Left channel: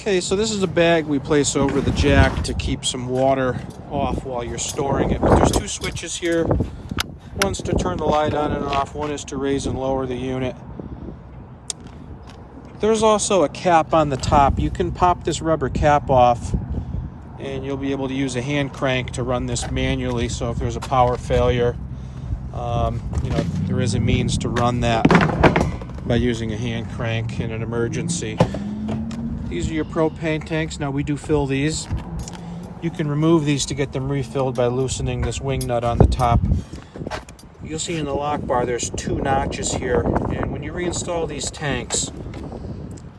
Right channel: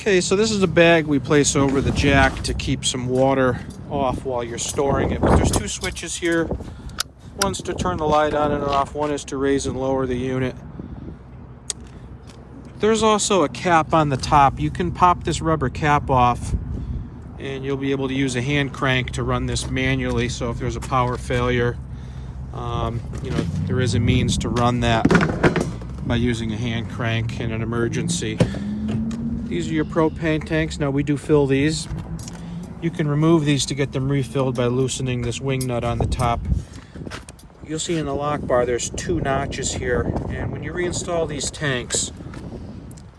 Okay, so this is a bag we place over the jack to keep some water off while you're storing it. But there's two switches here. One's to turn the light on and off. One is to raise and lower the unit. There's also a cap on the top. You can pop this rubber cap off and you'll be able to use a hand crank to run this manually. So if there's a power failure, there is a means to run that by using a hand crank in an emergency. These are your propane tanks. Now we do fill these. You can remove these to get them refilled by loosening this wing nut on the top. You'll see in the lock bar there's two notches here, and when you reinstall these tanks,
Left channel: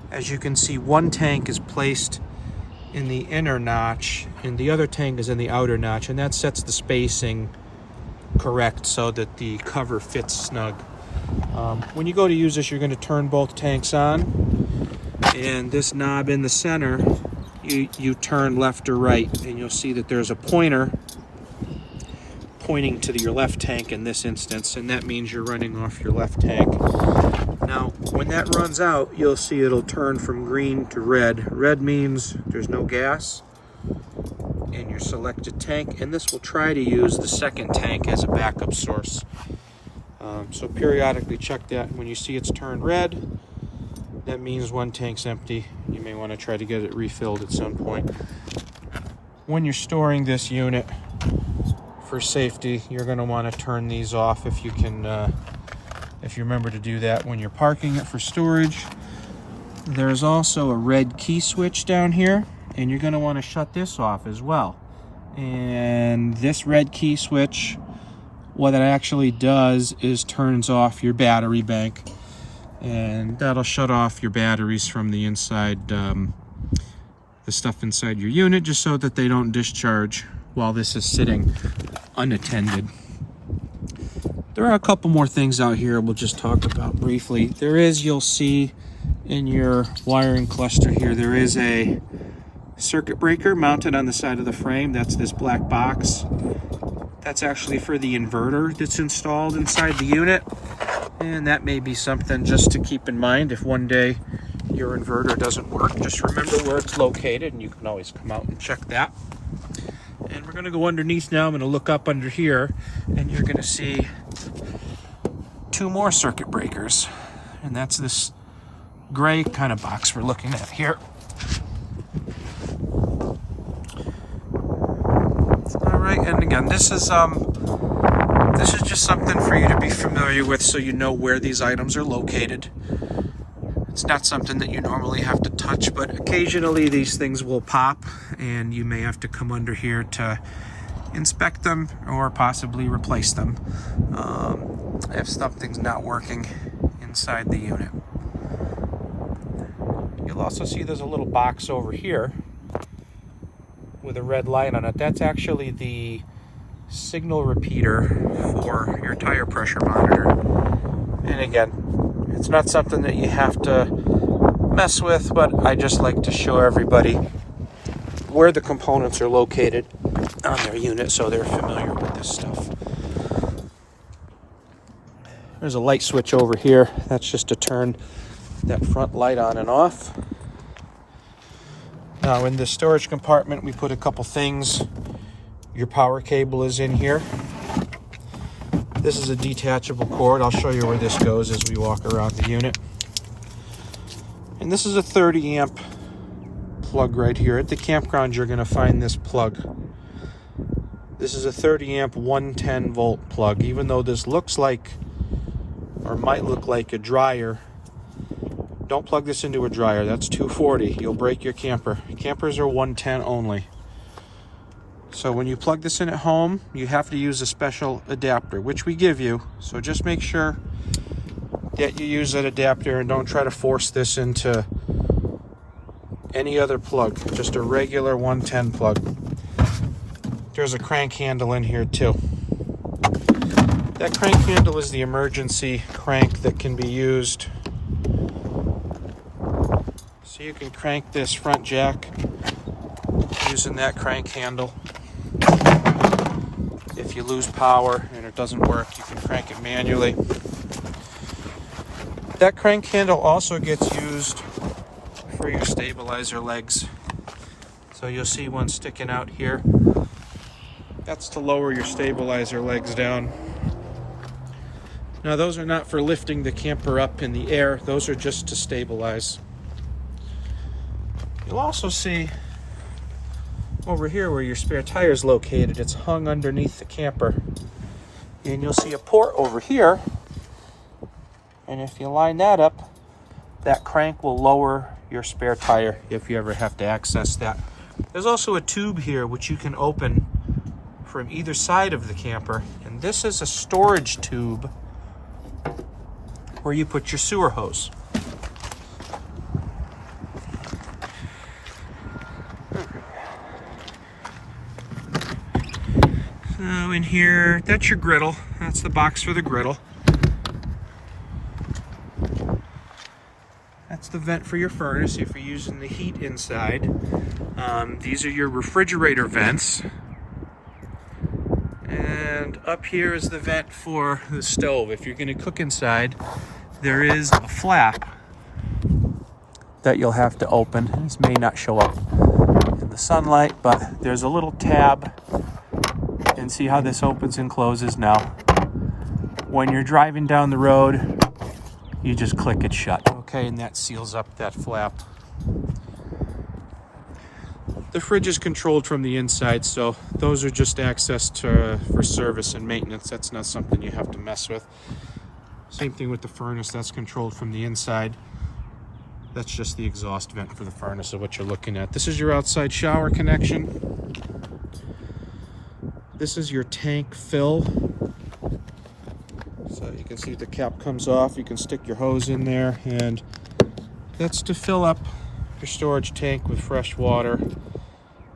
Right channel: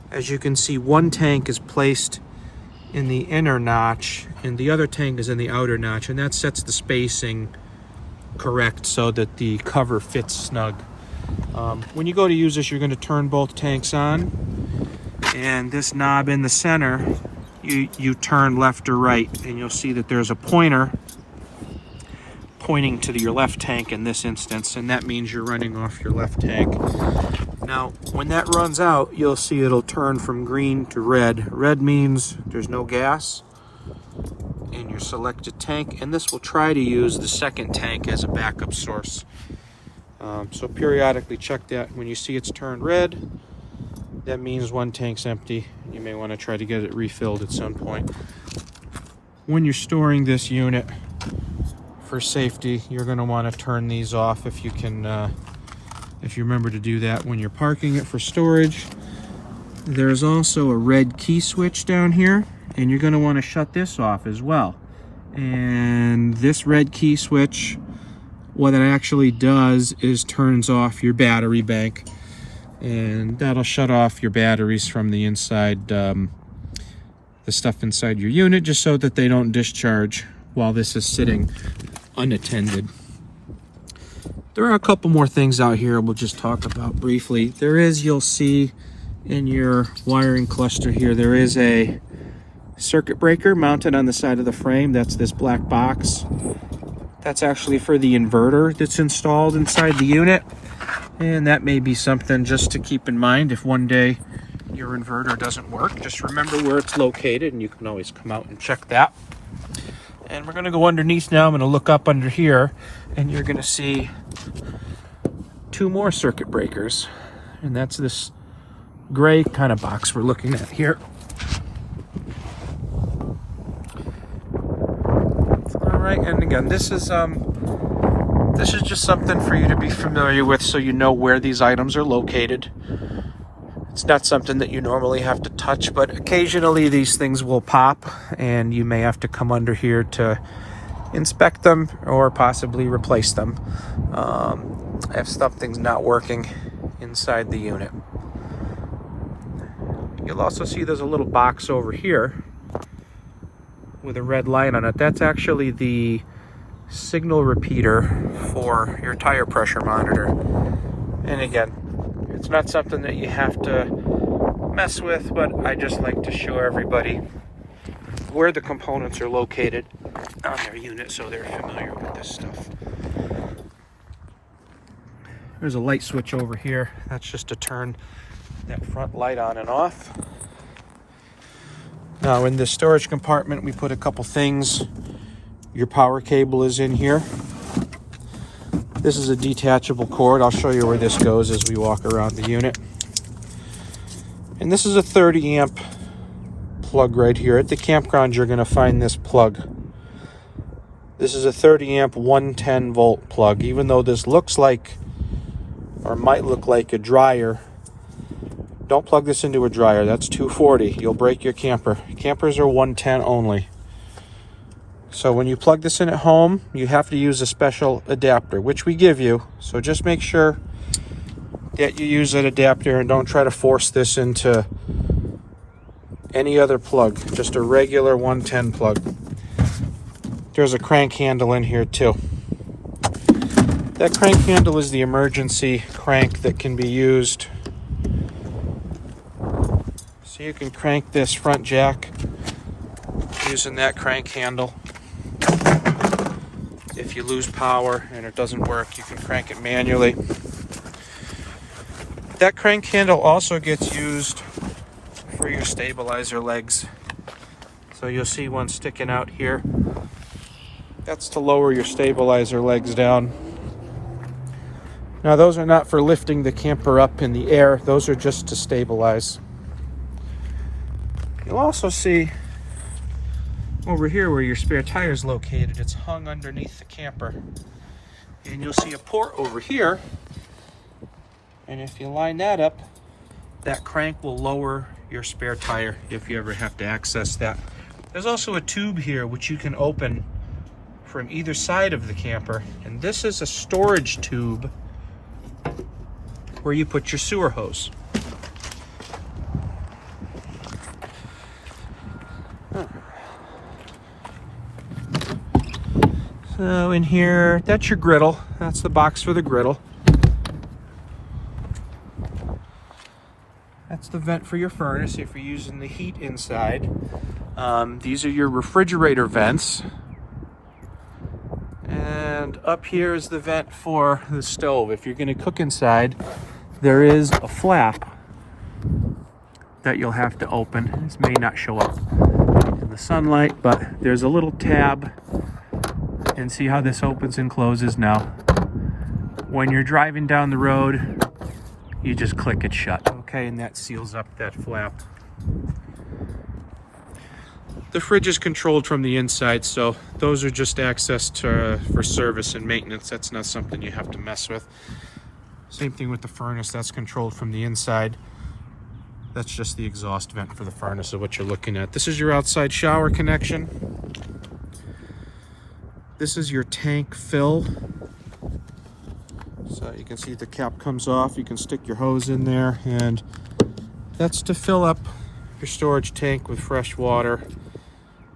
as you can see, one tank is placed in the inner notch and the other tank is in the outer notch, and that sets the spacing correct so that the cover fits snug. When you go to use this, you're going to turn both tanks on, and this knob in the center, you turn left or right, and you'll see that there's a pointer pointing to your left tank in this instance, and that means you're running off your left tank. Now, when that runs out, you'll see it'll turn from green to red. Red means there's no gas in your selected tank, and this will try to use the second tank as a backup source. So periodically check that. When you see it's turned red, that means one tank's empty. You may want to try to get it refilled at some point. When you're storing this unit, for safety, you're going to want to turn these off if you can, if you remember to do that when you're parking it for storage. There's also a red key switch down here, and you're going to want to shut this off as well. And this red key switch, what it actually does is turns off your battery bank, and that'll shut off your batteries from the inside, the stuff inside your unit, just so that they don't discharge while this is sitting unattended. There are a couple more things out here we'll just talk about briefly. There is, you'll see in your wiring cluster here, there is a circuit breaker mounted on the side of the frame. That's this black box. That's actually for the inverter that's installed inside the unit, and that may be something just to keep in mind if one day your inverter doesn't work. Just remember where it's located, and you can always come out and check that. And we're going to go underneath now. I'm going to look up under here, and you're going to see two more circuit breakers, and that's this gray kind of box we're looking at here. All right, and again, this is just something for you to be familiar with, so you know where these items are located. It's not something that you normally have to touch, but occasionally these things will pop, and you may have to come under here to inspect them or possibly replace them if something's not working inside the unit. You'll also see there's a little box over here with a red light on it. That's actually the signal repeater for your tire pressure monitor. And again, it's not something that you have to mess with, but I just like to show everybody where the components are located on their unit so they're familiar with this stuff. There's a light switch over here. That's just to turn that front light on and off. Now in this storage compartment, we put a couple things. Your power cable is in here. This is a detachable cord. I'll show you where this goes as we walk around the unit. And this is a 30 amp plug right here. At the campground, you're going to find this plug. This is a 30 amp 110 volt plug. Even though this looks like, or might look like, a dryer, don't plug this into a dryer. That's 240. You'll break your camper. Campers are 110 only. So when you plug this in at home, you have to use a special adapter, which we give you. So just make sure that you use that adapter and don't try to force this into any other plug. Just a regular 110 plug. There's a crank handle in here too. That crank handle is the emergency crank that can be used. So you can crank this front jack using that crank handle. If you lose power and it doesn't work, you can crank it manually. That crank handle also gets used for your stabilizer legs. So you'll see one sticking out here. That's to lower your stabilizer legs down. Now those are not for lifting the camper up in the air. Those are just to stabilize. You'll also see over here where your spare tire is located, it's hung underneath the camper. And you'll see a port over here. And if you line that up, that crank will lower your spare tire if you ever have to access that. There's also a tube here which you can open from either side of the camper. And this is a storage tube where you put your sewer hose. So in here, that's your griddle. That's the box for the griddle. That's the vent for your furnace if you're using the heat inside. These are your refrigerator vents. And up here is the vent for the stove. If you're going to cook inside, there is a flap that you'll have to open. This may not show up in the sunlight, but there's a little tab. And see how this opens and closes now. When you're driving down the road, you just click it shut, okay? And that seals up that flap. The fridge is controlled from the inside, so those are just access to for service and maintenance. That's not something you have to mess with. Same thing with the furnace, that's controlled from the inside. That's just the exhaust vent for the furnace of what you're looking at. This is your outside shower connection. This is your tank fill. So you can see the cap comes off. You can stick your hose in there, and that's to fill up your storage tank with fresh water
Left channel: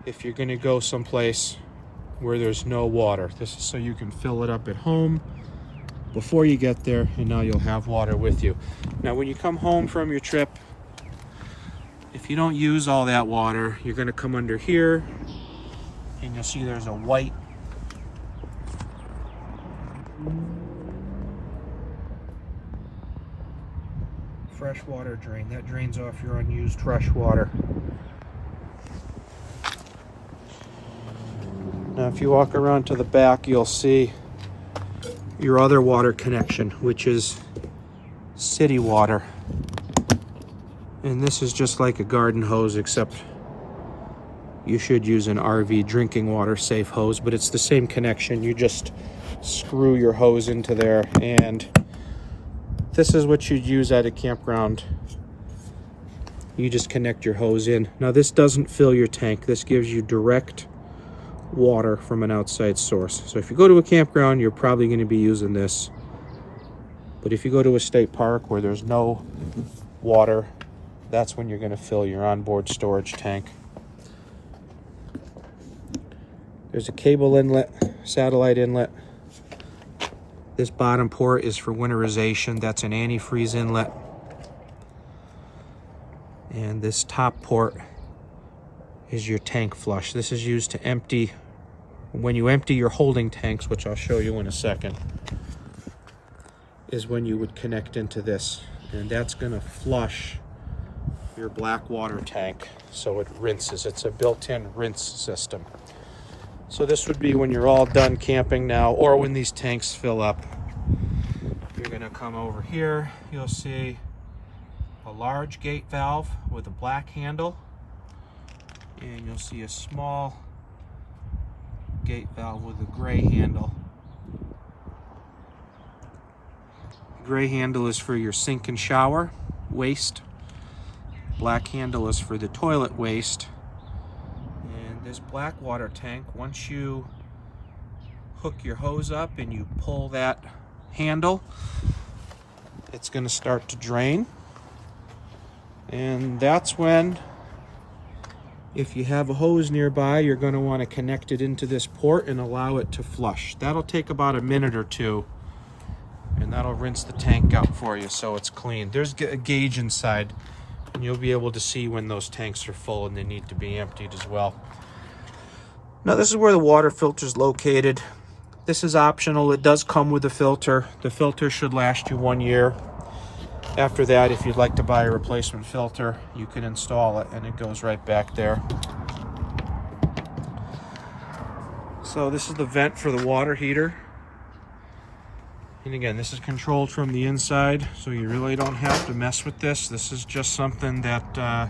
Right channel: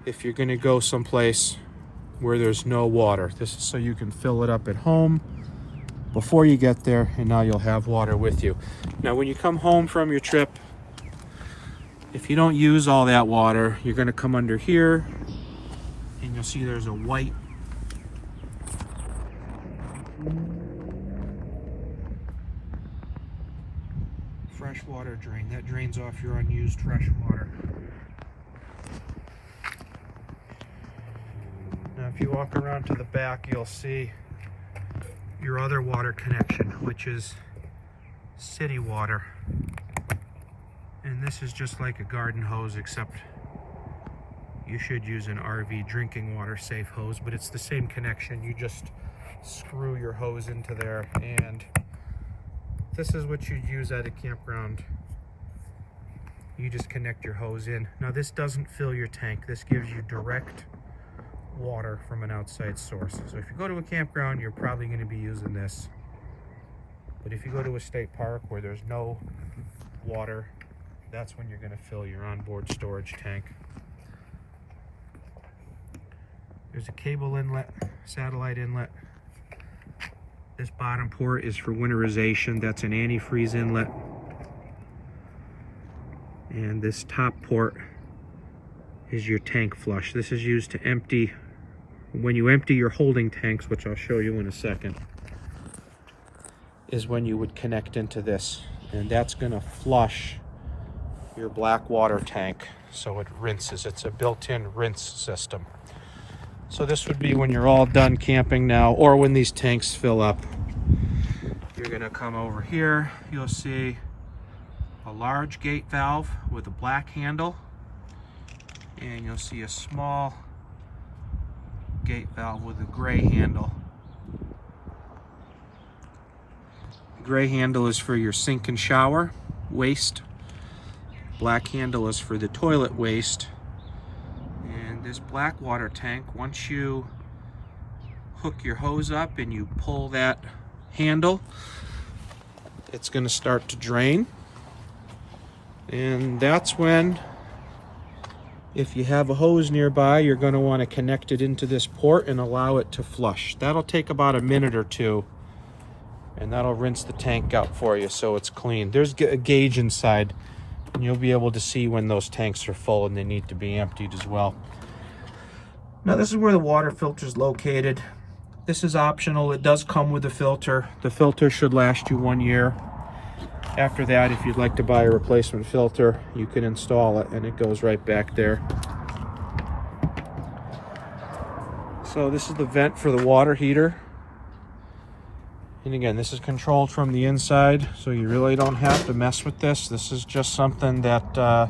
if you're going to go someplace where there's no water. This is so you can fill it up at home before you get there, and now you'll have water with you. Now when you come home from your trip, if you don't use all that water, you're going to come under here and you'll see there's a white fresh water drain. That drains off your unused fresh water. Now if you walk around to the back, you'll see your other water connection, which is city water. And this is just like a garden hose, except you should use an RV drinking water safe hose, but it's the same connection. You just screw your hose into there, and this is what you'd use at a campground. You just connect your hose in. Now this doesn't fill your tank. This gives you direct water from an outside source. So if you go to a campground, you're probably going to be using this. But if you go to a state park where there's no water, that's when you're going to fill your onboard storage tank. There's a cable inlet, satellite inlet. This bottom port is for winterization. That's an antifreeze inlet. And this top port is your tank flush. This is used to empty, when you empty your holding tanks, which I'll show you in a second, is when you would connect into this. And that's gonna flush your black water tank so it rinses. It's a built-in rinse system. So this would be when you're all done camping now, or when these tanks fill up. You're gonna come over here, you'll see a large gate valve with a black handle, and you'll see a small gate valve with a gray handle. The gray handle is for your sink and shower waste. Black handle is for the toilet waste. And this black water tank, once you hook your hose up and you pull that handle, it's going to start to drain. And that's when, if you have a hose nearby, you're going to want to connect it into this port and allow it to flush. That'll take about a minute or two, and that'll rinse the tank out for you so it's clean. There's a gauge inside, and you'll be able to see when those tanks are full and they need to be emptied as well. Now this is where the water filter is located. This is optional. It does come with a filter. The filter should last you 1 year. After that, if you'd like to buy a replacement filter, you can install it and it goes right back there. So this is the vent for the water heater. And again, this is controlled from the inside, so you really don't have to mess with this. This is just something that,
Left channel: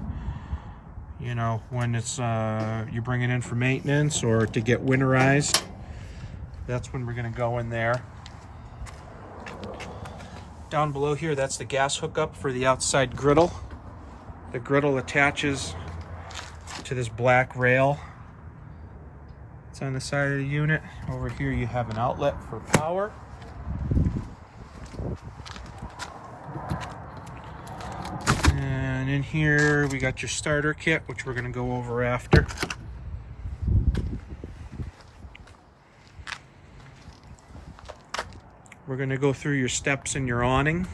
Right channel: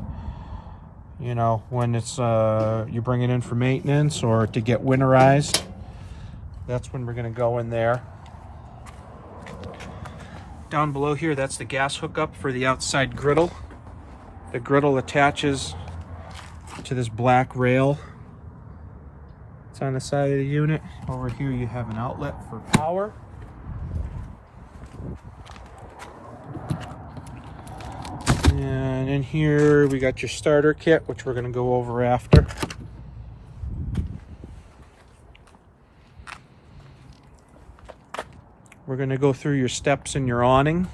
you know, when it's you bring it in for maintenance or to get winterized, that's when we're gonna go in there. Down below here, that's the gas hookup for the outside griddle. The griddle attaches to this black rail. It's on the side of the unit. Over here you have an outlet for power. And in here we got your starter kit, which we're going to go over after. We're going to go through your steps and your awning.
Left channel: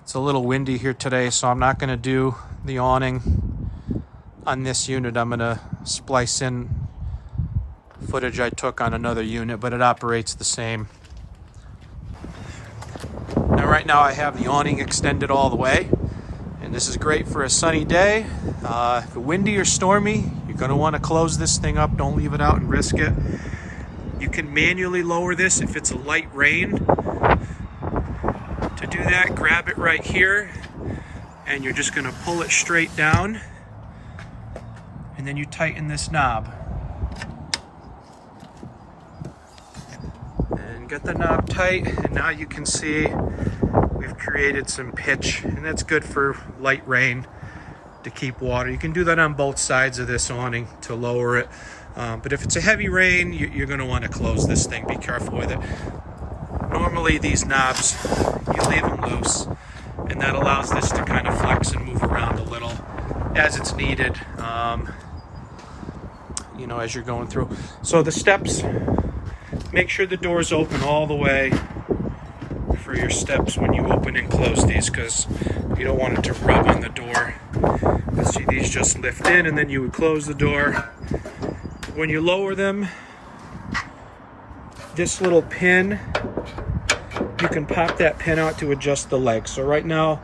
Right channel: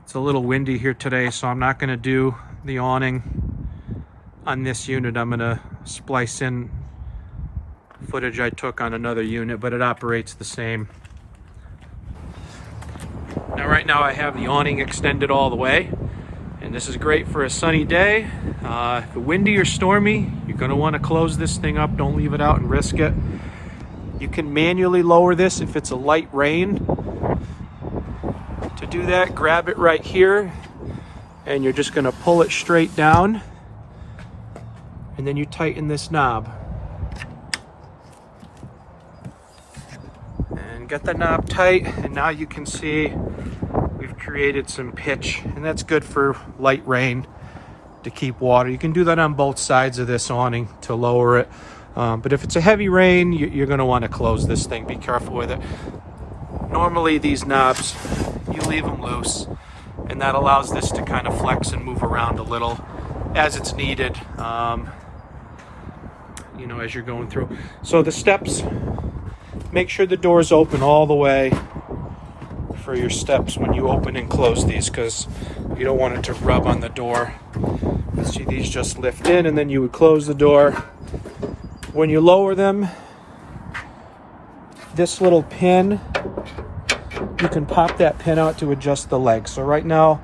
It's a little windy here today, so I'm not going to do the awning on this unit. I'm going to splice in footage I took on another unit, but it operates the same. Now right now I have the awning extended all the way, and this is great for a sunny day. If it's windy or stormy, you're going to want to close this thing up. Don't leave it out and risk it. You can manually lower this if it's a light rain. To do that, grab it right here, and you're just going to pull it straight down, and then you tighten this knob. And get the knob tight, and now you can see we've created some pitch, and that's good for light rain to keep water. You can do that on both sides of this awning to lower it. But if it's a heavy rain, you're going to want to close this thing. Be careful with it. Normally these knobs, you leave them loose, and that allows this to kind of flex and move around a little as it's needed, you know, as you're going through. So the steps, make sure the door's open all the way for your steps when you open and close these, because you don't want it to rub on the door. You see these just lift in, and then you would close the door. When you lower them, this little pin, you can pop that pin out to adjust the legs. So right now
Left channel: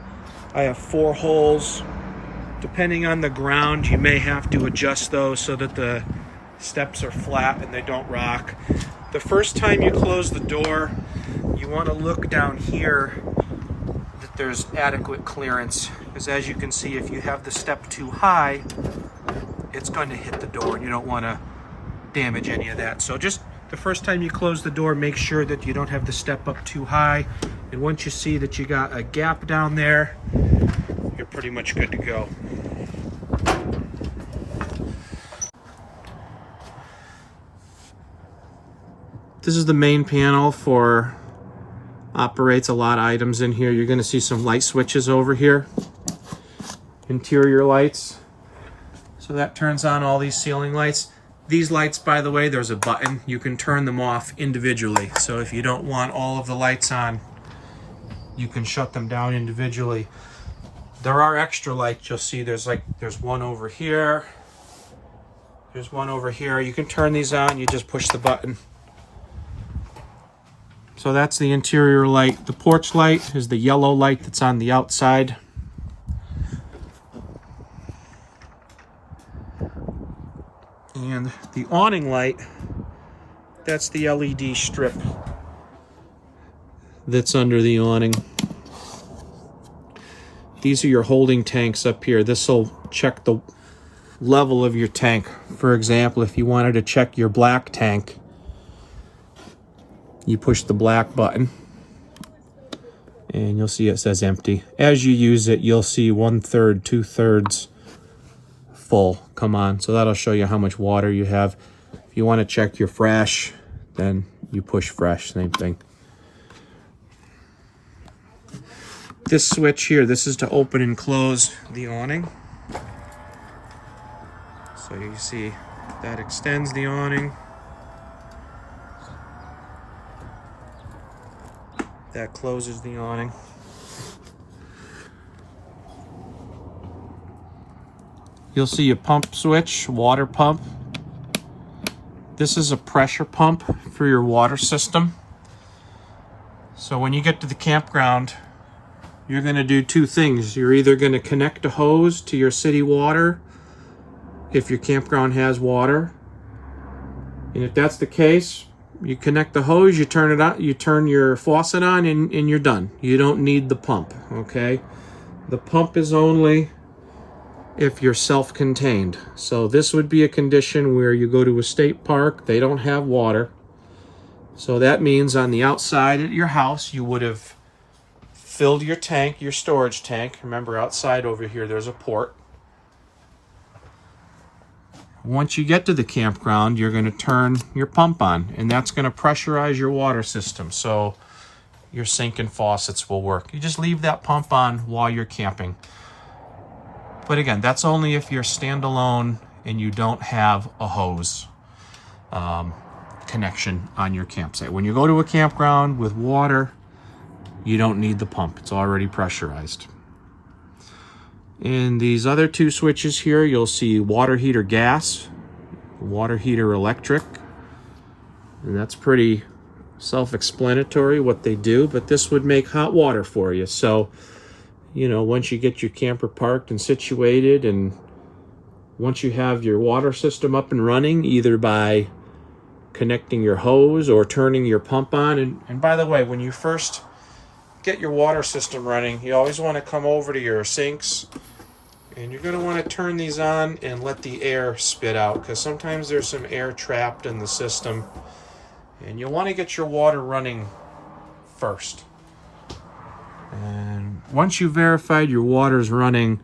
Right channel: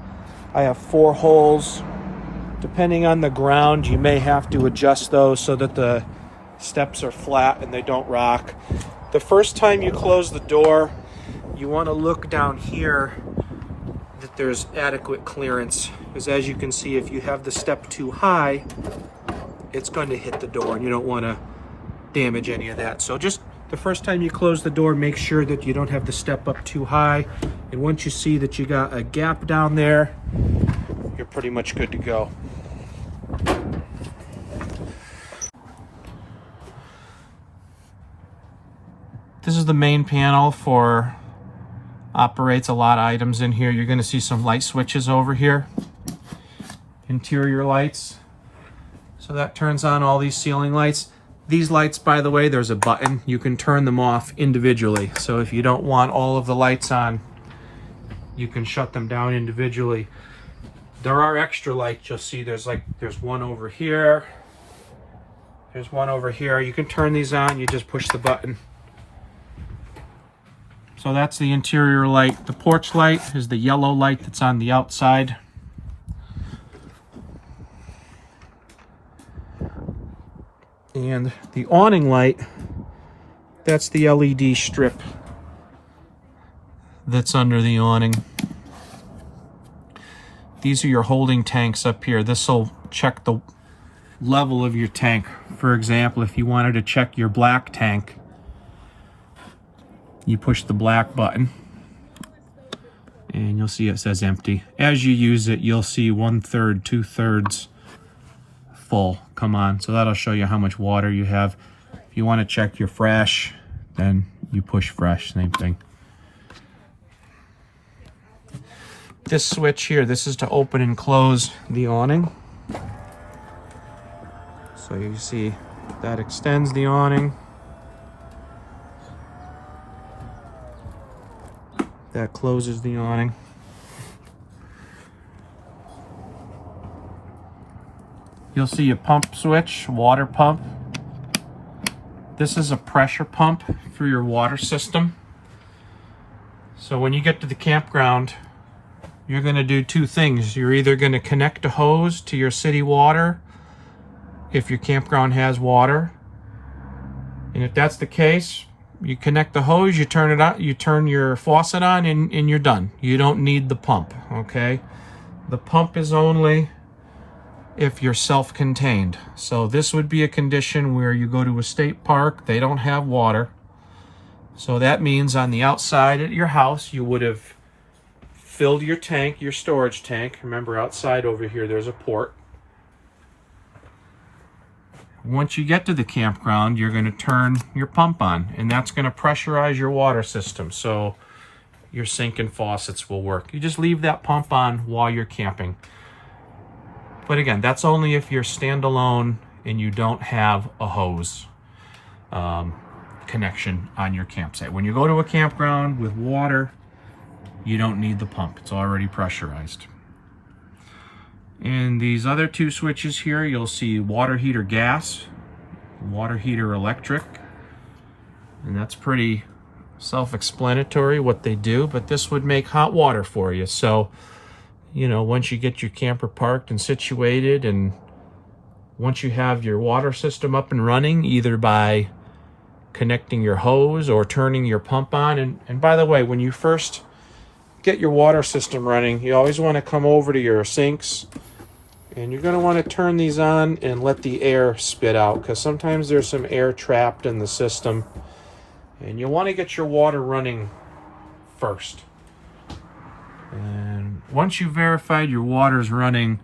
I have 4 holes. Depending on the ground, you may have to adjust those so that the steps are flat and they don't rock. The first time you close the door, you want to look down here that there's adequate clearance, because as you can see, if you have the step too high, it's going to hit the door, and you don't want to damage any of that. So just the first time you close the door, make sure that you don't have the step up too high, and once you see that you got a gap down there, you're pretty much good to go. This is the main panel for operates a lot of items in here. You're going to see some light switches over here, interior lights. So that turns on all these ceiling lights. These lights, by the way, there's a button. You can turn them off individually. So if you don't want all of the lights on, you can shut them down individually. There are extra lights. You'll see there's one over here. There's one over here. You can turn these on. You just push the button. So that's the interior light. The porch light is the yellow light that's on the outside. And the awning light, that's the LED strip that's under the awning. These are your holding tanks up here. This will check the level of your tank. For example, if you wanted to check your black tank, you push the black button and you'll see it says empty. As you use it, you'll see 1/3, 2/3 full come on. So that'll show you how much water you have. If you want to check your fresh, then you push fresh, same thing. This switch here, this is to open and close the awning. So you see that extends the awning. That closes the awning. You'll see a pump switch, water pump. This is a pressure pump for your water system. So when you get to the campground, you're going to do two things. You're either going to connect a hose to your city water if your campground has water. And if that's the case, you connect the hose, you turn it on, you turn your faucet on, and you're done. You don't need the pump, okay? The pump is only if you're self-contained. So this would be a condition where you go to a state park, they don't have water. So that means on the outside at your house, you would have filled your tank, your storage tank. Remember, outside over here, there's a port. Once you get to the campground, you're going to turn your pump on, and that's going to pressurize your water system so your sink and faucets will work. You just leave that pump on while you're camping. But again, that's only if you're standalone and you don't have a hose connection on your campsite. When you go to a campground with water, you don't need the pump. It's already pressurized. In these other two switches here, you'll see water heater gas, water heater electric. And that's pretty self-explanatory what they do, but this would make hot water for you. So, you know, once you get your camper parked and situated, and once you have your water system up and running, either by connecting your hose or turning your pump on. And by the way, when you first get your water system running, you always want to come over to your sinks, and you're going to want to turn these on and let the air spit out, because sometimes there's some air trapped in the system, and you'll want to get your water running first. And once you've verified your water's running,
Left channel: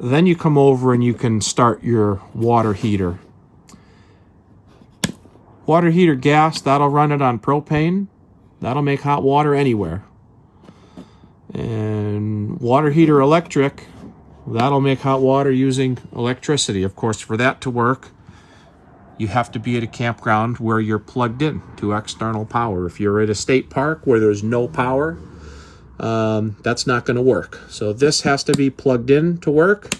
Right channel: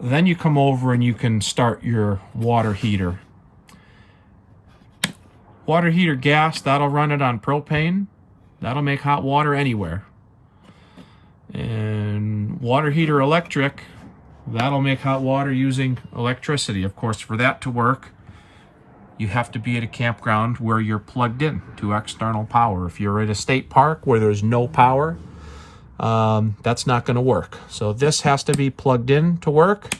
then you come over and you can start your water heater. Water heater gas, that'll run it on propane. That'll make hot water anywhere. And water heater electric, that'll make hot water using electricity. Of course, for that to work, you have to be at a campground where you're plugged in to external power. If you're at a state park where there's no power, that's not going to work. So this has to be plugged in to work.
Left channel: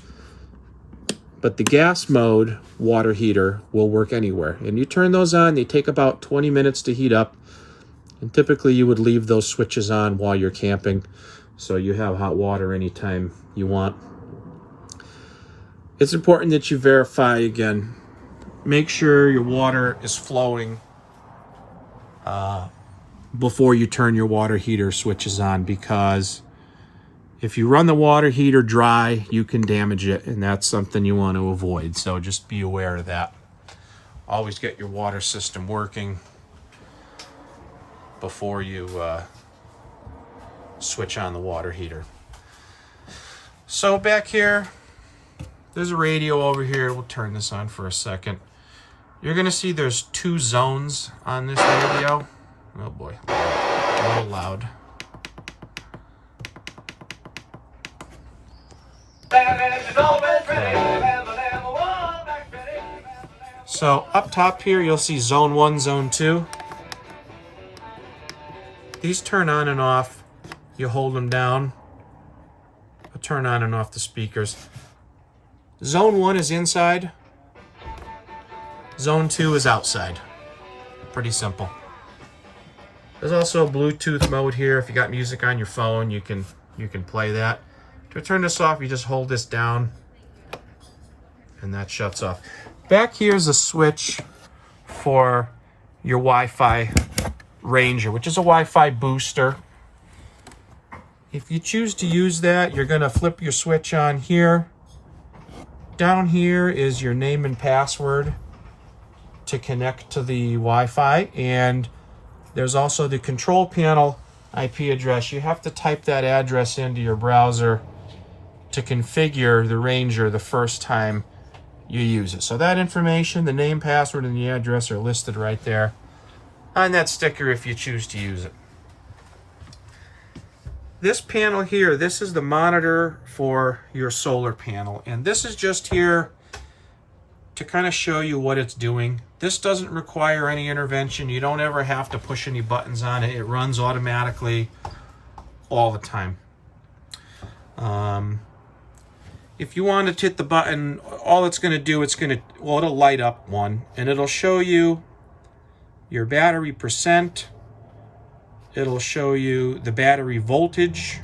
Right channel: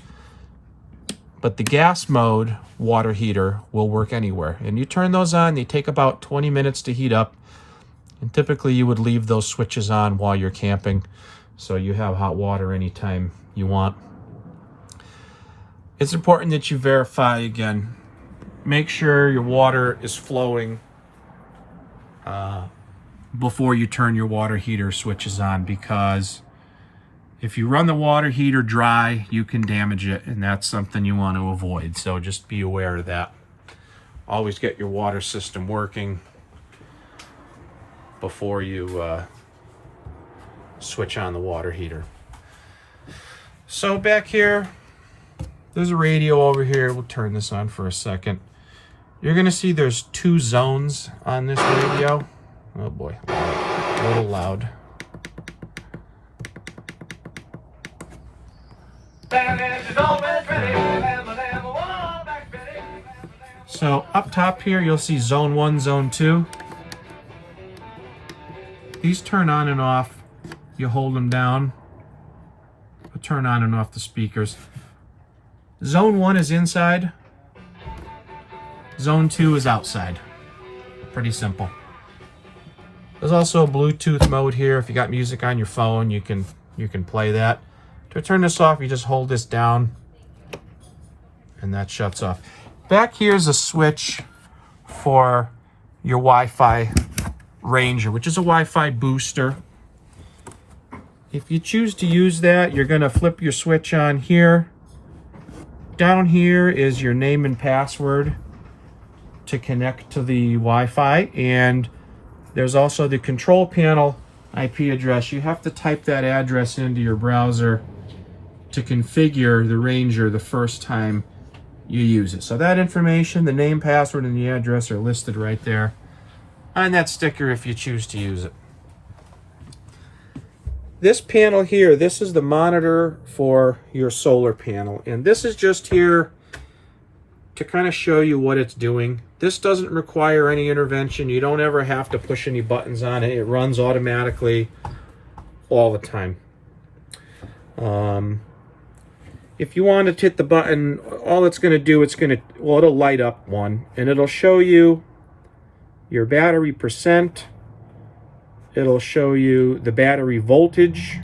But the gas mode water heater will work anywhere. And you turn those on, they take about 20 minutes to heat up. And typically you would leave those switches on while you're camping, so you have hot water anytime you want. It's important that you verify again. Make sure your water is flowing before you turn your water heater switches on, because if you run the water heater dry, you can damage it, and that's something you want to avoid. So just be aware of that. Always get your water system working before you switch on the water heater. So back here, there's a radio over here. We'll turn this on for a second. You're gonna see there's two zones on this radio. Oh boy, a little loud. So up top here, you'll see zone 1, zone 2. These turn on and off. You hold them down. They'll turn on and off the speakers. Zone 1 is inside. Zone 2 is outside. Pretty simple. There's also a Bluetooth mode here. If you got music on your phone, you can play that. To turn this off, you just hold this down, and that shuts off. Back here's a switch for your Wi-Fi Ranger, which is a Wi-Fi booster. If you choose to use that, you're going to flip your switch on here. Down here is your name and password to connect to the Wi-Fi, and there's also the control panel IP address. You have to type that address into your browser to configure the Ranger the first time you use it. So that information, the name, password, and the address are listed right there on that sticker if you choose to use it. This panel here, this is the monitor for your solar panel, and this is just here to kind of show you what it's doing. This doesn't require any intervention. You don't ever have to push any buttons on it. It runs automatically all the time. If you want to hit the button, all it's going to do, it'll light up one, and it'll show you your battery percent, it'll show you the battery voltage,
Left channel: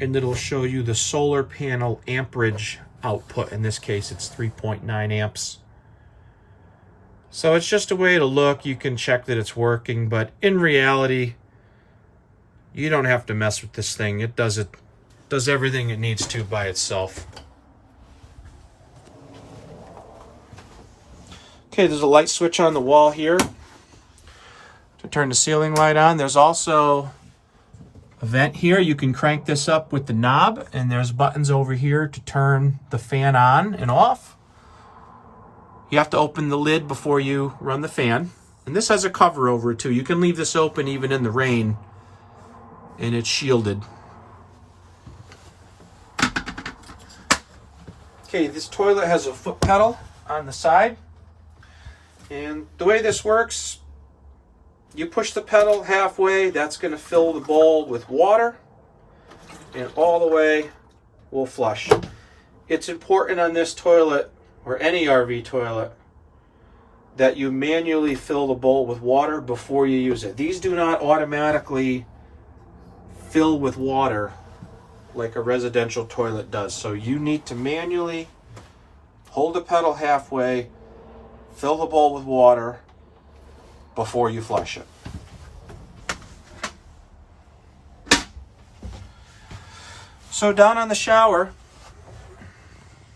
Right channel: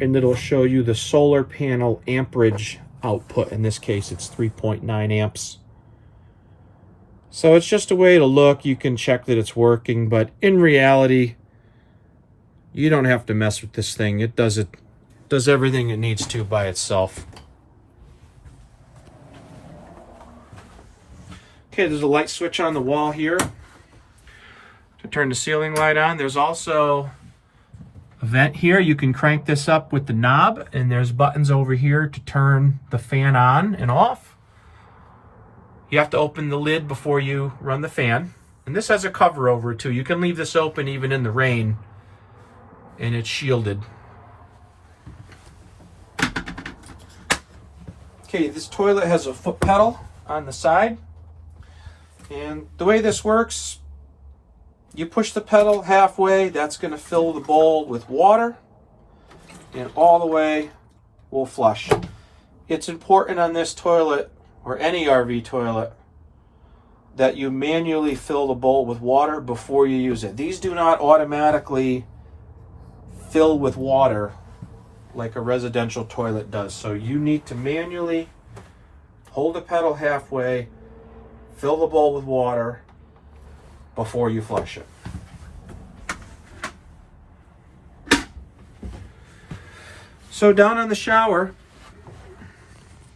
and it'll show you the solar panel amperage output. In this case, it's 3.9 amps. So it's just a way to look. You can check that it's working, but in reality, you don't have to mess with this thing. It does everything it needs to by itself. Okay, there's a light switch on the wall here to turn the ceiling light on. There's also a vent here. You can crank this up with the knob, and there's buttons over here to turn the fan on and off. You have to open the lid before you run the fan. And this has a cover over it too. You can leave this open even in the rain, and it's shielded. Okay, this toilet has a foot pedal on the side. And the way this works, you push the pedal halfway, that's going to fill the bowl with water, and all the way will flush. It's important on this toilet, or any RV toilet, that you manually fill the bowl with water before you use it. These do not automatically fill with water like a residential toilet does. So you need to manually hold the pedal halfway, fill the bowl with water before you flush it. So down on the shower,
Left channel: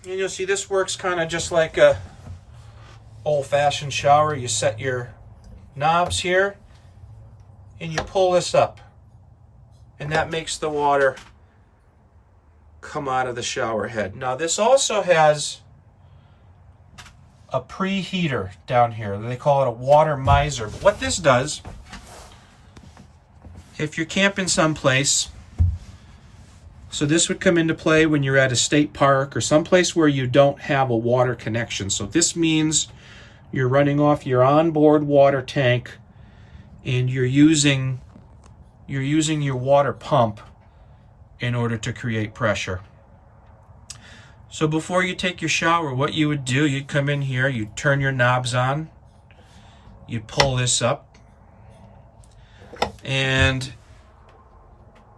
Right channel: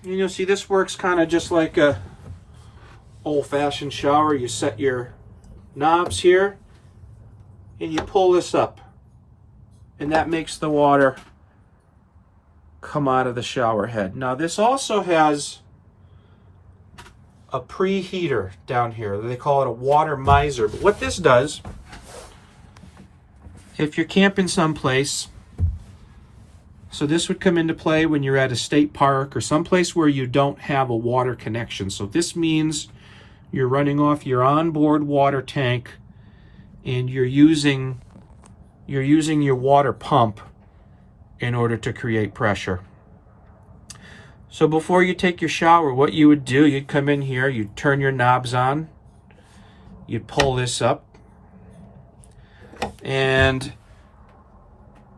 and you'll see this works kind of just like a old-fashioned shower. You set your knobs here and you pull this up, and that makes the water come out of the shower head. Now this also has a preheater down here. They call it a water miser. But what this does, if you're camping someplace, so this would come into play when you're at a state park or someplace where you don't have a water connection. So this means you're running off your onboard water tank, and you're using your water pump in order to create pressure. So before you take your shower, what you would do, you'd come in here, you'd turn your knobs on, you'd pull this up, and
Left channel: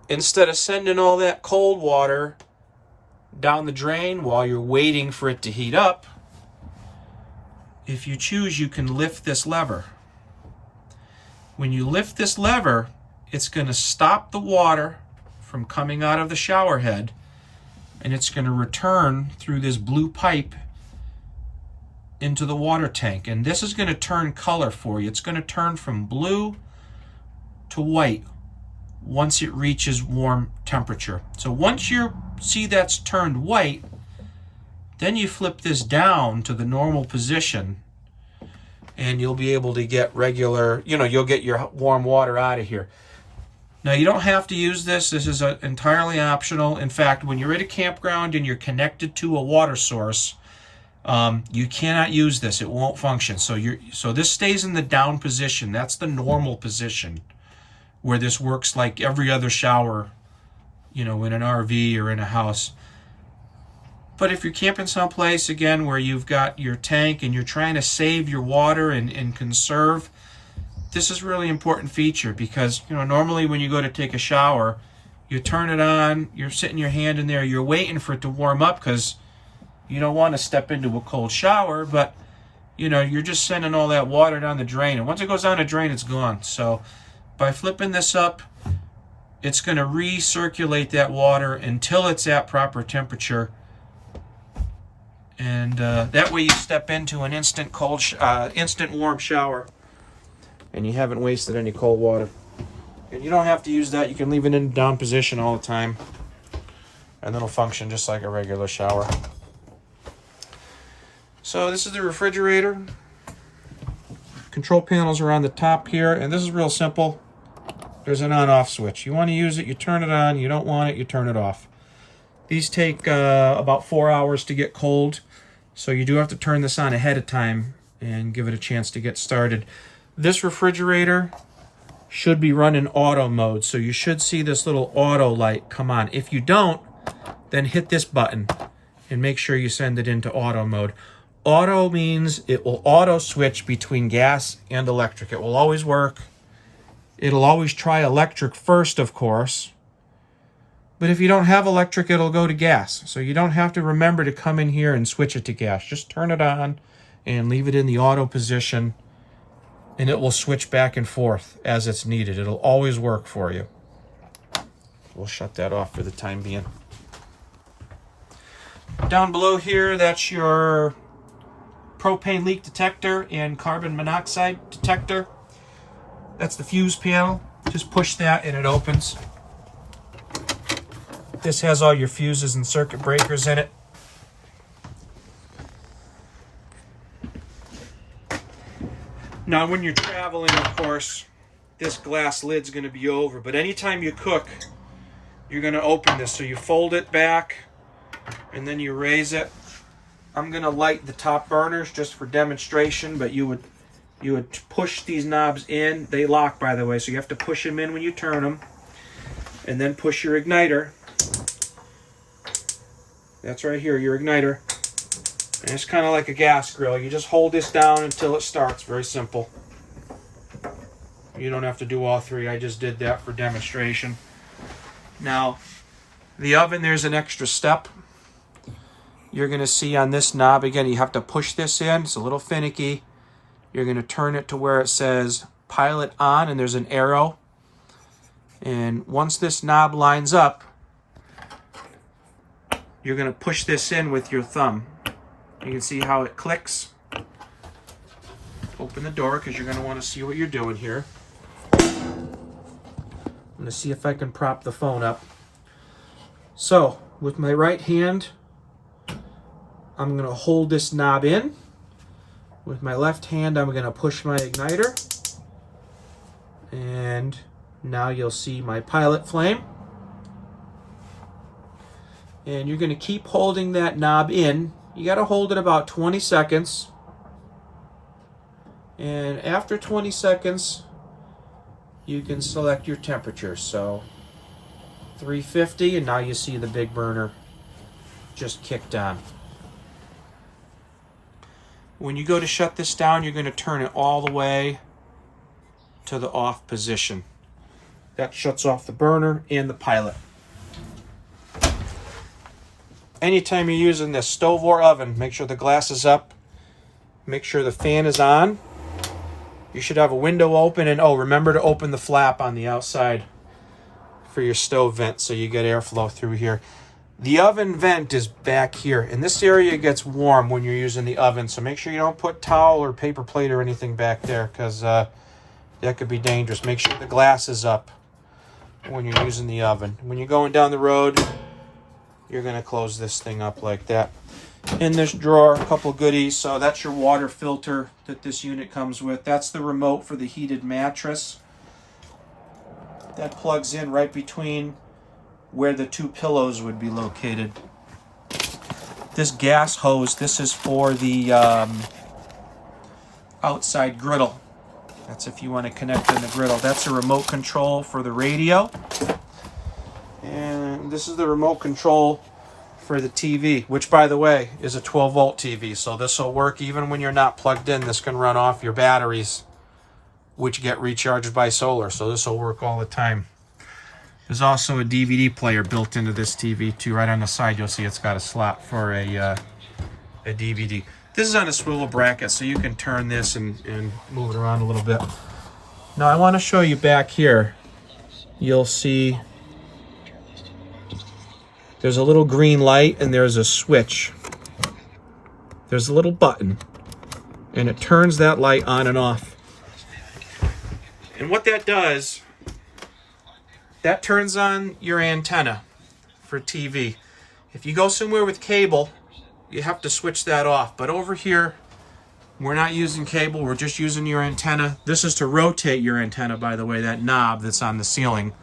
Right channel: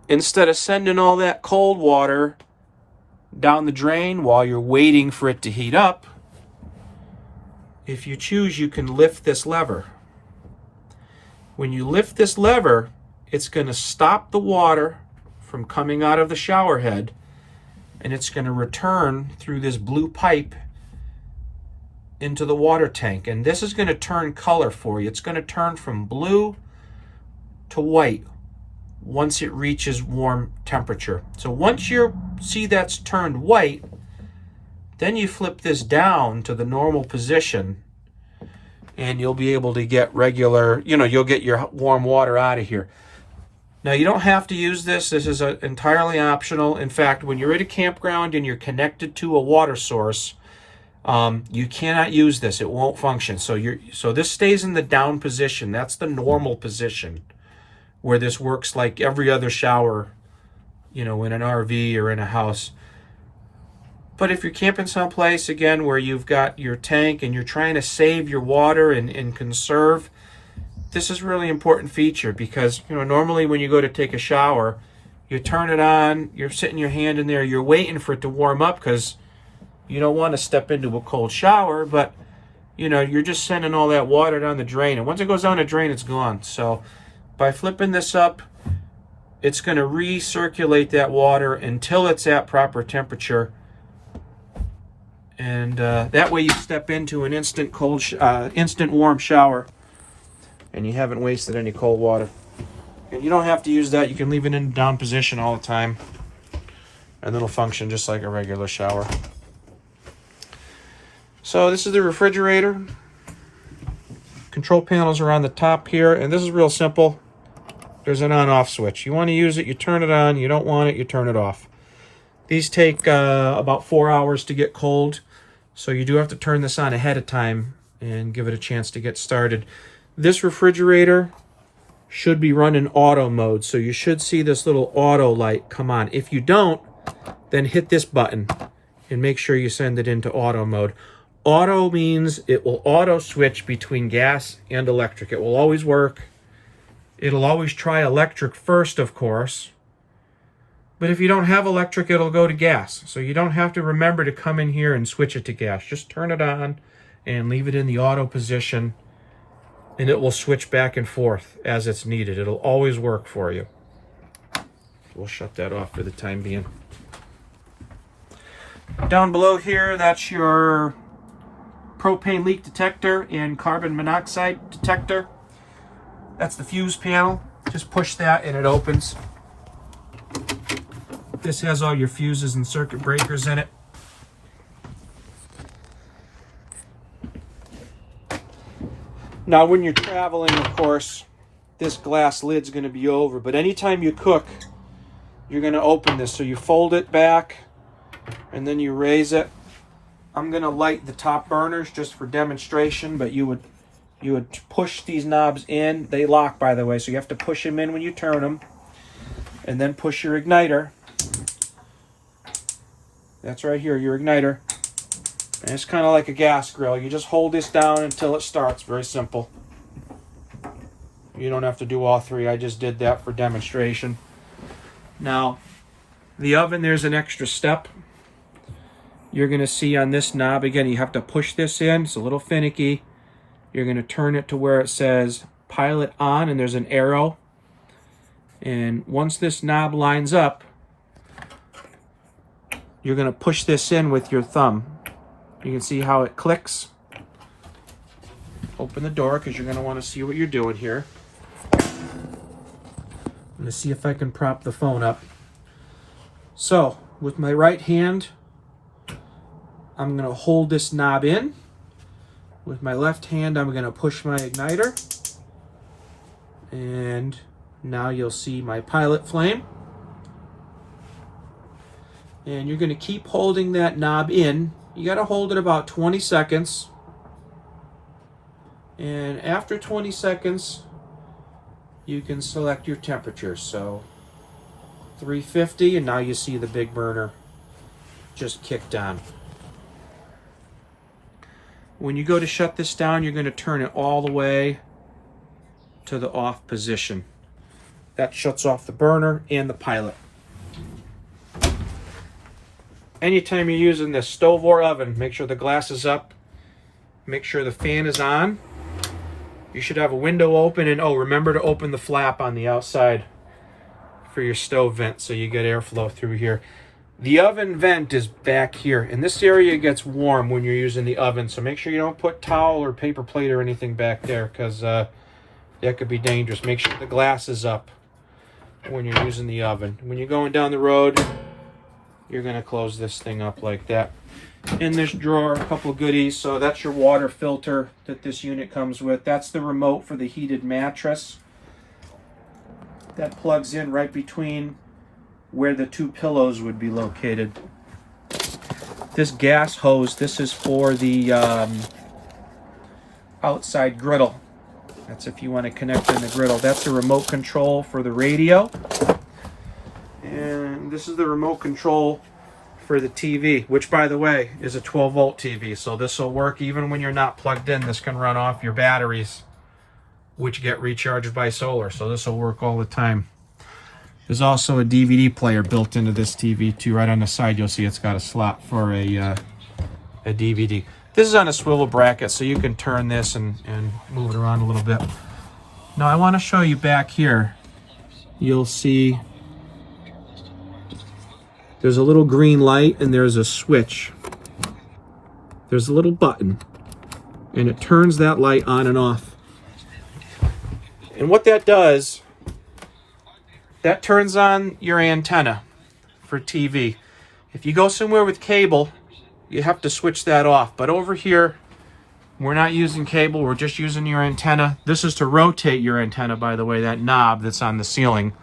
instead of sending all that cold water down the drain while you're waiting for it to heat up, if you choose, you can lift this lever. When you lift this lever, it's going to stop the water from coming out of the shower head, and it's going to return through this blue pipe into the water tank. And this is going to turn color for you. It's going to turn from blue to white once it reaches warm temperature. So once you see that's turned white, then you flip this down to the normal position, and you'll be able to get regular, you'll get your warm water out of here. Now, you don't have to use this. This is entirely optional. In fact, when you're at a campground and you're connected to a water source, you cannot use this. It won't function. So this stays in the down position. That's the normal position, where this works like every other shower, in an RV or in a house. But if you're camping someplace, again, where you've got your tank and you're trying to save your water and conserve, this is a really important feature, because normally when you go to take a shower, you turn it on, you're sitting your hand in there, you're waiting for it to warm up because you don't want to step into a cold shower, but you're just sending all that water down the drain, and once it goes down the drain, it's gone. So by flipping this up, it's going to recirculate that water until it's at proper temperature, and that way you step into an instant warm shower, and you haven't wasted any cold water. And you don't have to use that. You can leave it in down position all the time, and it'll function just like a regular shower. So this is the refrigerator. Control panels are on the top here, and this is real simple. There's an on-off switch. You want to use it, you turn it on. You don't want it, you turn it off. These take about 4 hours to get cold, so you do have to turn this on ahead of time and give it a chance to get started. This refrigerator should be run in auto mode, so you should see this little auto light come on. If you don't, then hit this button and make sure you send it into auto mode. Auto means it will auto switch between gas and electric. It will always work It'll always try electric first, of course. But if you don't have electric, it'll go to gas. So you don't have to remember to come in here and switch it to gas. Just turn it on and leave it in the auto position, and it will switch back and forth as it's needed. It'll always work for you. We'll shut that off for the time being. Down below here, that's your propane leak detector and carbon monoxide detector. That's the fuse panel. Just push that and it opens. This has all your fuses and circuit breakers in it. Now when you're traveling, of course, this glass lid's going to be over, but anytime you cook, you're going to open this. So you fold it back and then you raise it. I'm going to light the top burners just for demonstration, but you would push these knobs in. They lock, by the way, so you have to push them in when you turn them, and then push your igniter. That's right here, your igniter. And it's kind of like a gas grill. You just hold this down until it starts. Very simple. You don't have to do all three. I just did that for demonstration. Now, the oven, there's an extra step. You're going to see on this knob, again, you have to push this in. It's a little finicky. You're going to turn it to where it says pilot on, and there's an arrow. And once this knob lines up, you're going to push this in with your thumb. You can see how it clicks. Open the door because you're going to want to see what you're doing here. I'm going to see if I can prop the phone up. So, with my right hand, I'm going to hold this knob in. With my left hand, I'm going to push my igniter. And now you'll see my pilot flame. And you're going to keep holding that knob in. You got to hold it about 20 seconds. And after 20 seconds, you can select your temperature. So 350, and now you see the big burner just kicked on. When you go to shut this down, you're going to turn it all the way to the off position. That shuts off the burner and the pilot. Anytime you're using this stove or oven, make sure the glass is up. Make sure the fan is on. You should have a window open, and remember to open the flap on the outside for your stove vent so you get airflow through here. The oven vent is back here, and this area gets warm when you're using the oven, so make sure you don't put towel or paper plate or anything back there, because that could be dangerous. Make sure the glass is up when you're using the oven. When you're going down the road, you're going to close this thing up like that. In this drawer, a couple goodies. So that's your water filter that this unit comes with. That's the remote for the heated mattress. That plugs in right between where the two pillows would be located. This gas hose, this is for the outside griddle. That's if you want to connect in the griddle. That's the remote control for the radio. And this is the remote control for the TV, which, by the way, is a 12-volt TV. So this will work even when you're not plugged in. This can run off your batteries, which get recharged by solar. So this will work all the time. There's also a DVD player built into this TV too. Right on the side, you'll see it's got a slot for a DVD. This is on a swivel bracket, so you can turn this and move it around a little bit. Now I want to show you back here. You'll see there's a little green light and there's a switch. There's a little button, and it turns that light on and off. And what that does, that turns on your antenna for TV. If you go somewhere with cable, you have to switch that off. But over here, we're not using cable, we're just using your antenna. This is to rotate your antenna, by the way, that knob that's on the ceiling.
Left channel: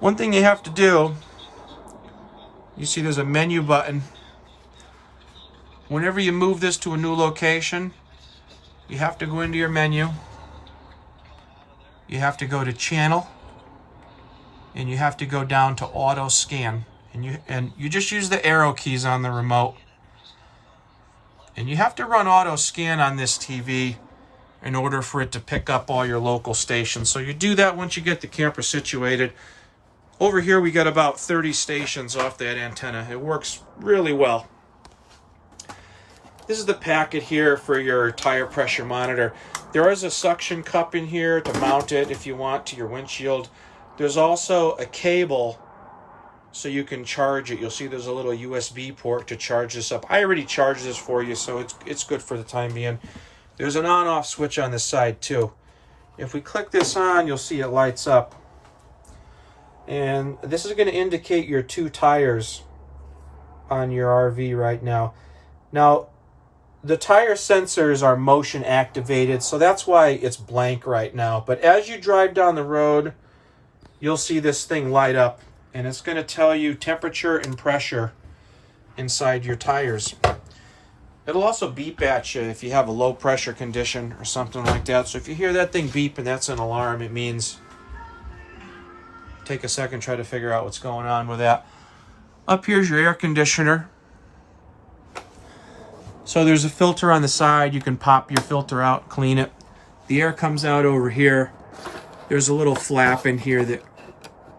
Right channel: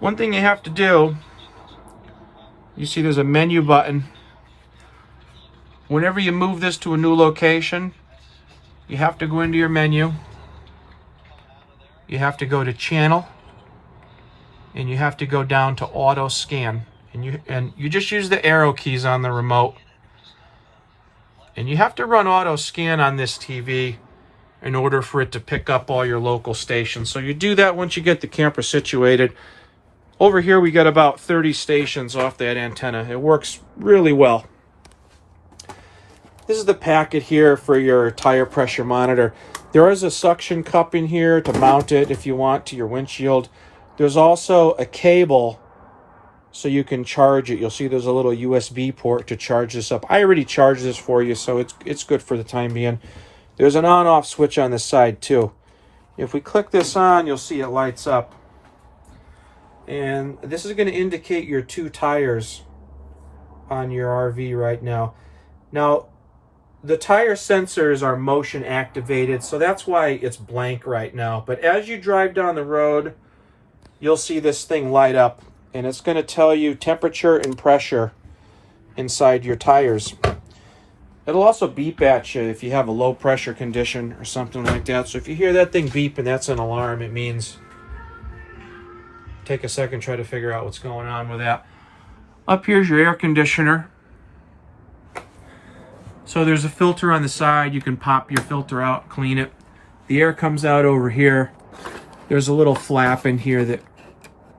One thing you have to do, you see there's a menu button. Whenever you move this to a new location, you have to go into your menu. You have to go to channel, and you have to go down to auto scan, and you just use the arrow keys on the remote, and you have to run auto scan on this TV in order for it to pick up all your local stations. So you do that once you get the camper situated. Over here we got about 30 stations off that antenna. It works really well. This is the packet here for your tire pressure monitor. There is a suction cup in here to mount it if you want to your windshield. There's also a cable so you can charge it. You'll see there's a little USB port to charge this up. I already charged this for you, so it's good for the time being. There's an on-off switch on this side too. If we click this on, you'll see it lights up. And this is going to indicate your 2 tires on your RV right now. Now, the tire sensors are motion activated, so that's why it's blank right now. But as you drive down the road, you'll see this thing light up, and it's going to tell you temperature and pressure inside your tires. It'll also beep at you if you have a low pressure condition or something like that. So if you hear that thing beep and that's an alarm, it means take a second, try to figure out what's going on with that. Up here's your air conditioner. So there's a filter on the side. You can pop your filter out, clean it. The air comes out over here. There's a little flap in here that